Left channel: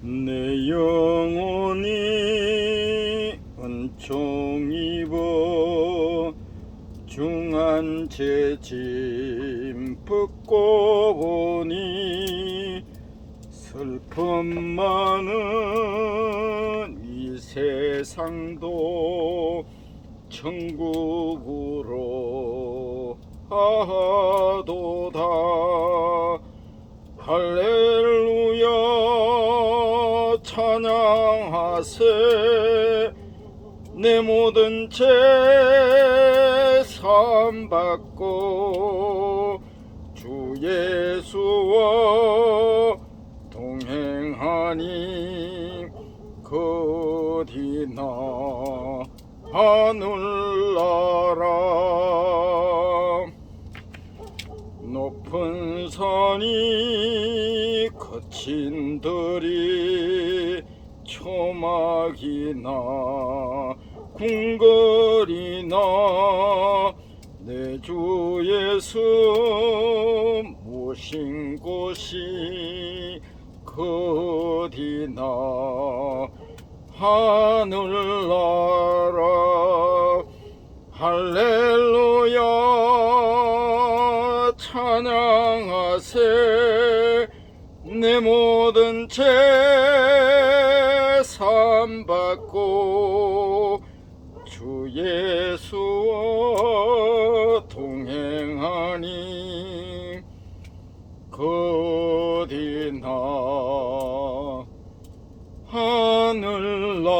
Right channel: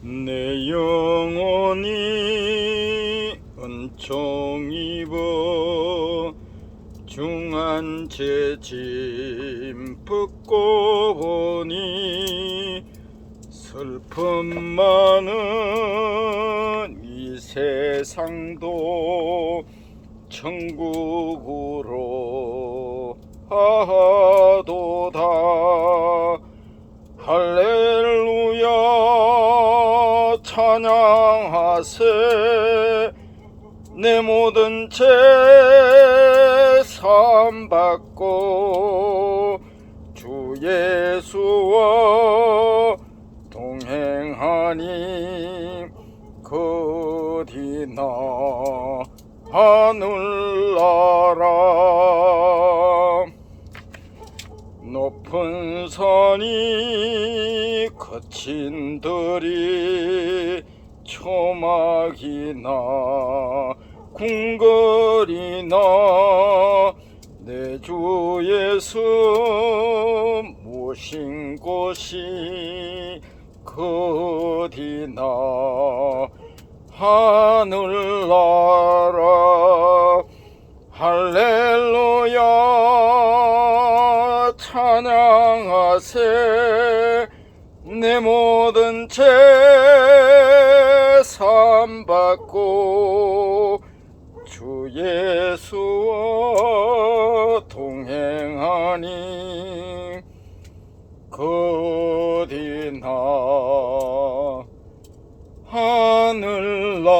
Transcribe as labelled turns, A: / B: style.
A: 내 영혼이 은총 입어 중한 죄짐 벗고 보니 슬픔 많은 이 세상도 천국으로 하도 찬양하세. 내 모든 죄삼 받고 주 예수와 동행하니 그디나 하늘나라 높은 산이 거친 들이 초막이나 궁궐이나 내 주 예수 모신 곳이 그디나? 하늘나라 할렐 찬양하세. 내 모든 죄삼 받고 주 예수와 동행하니 그디나 하늘나라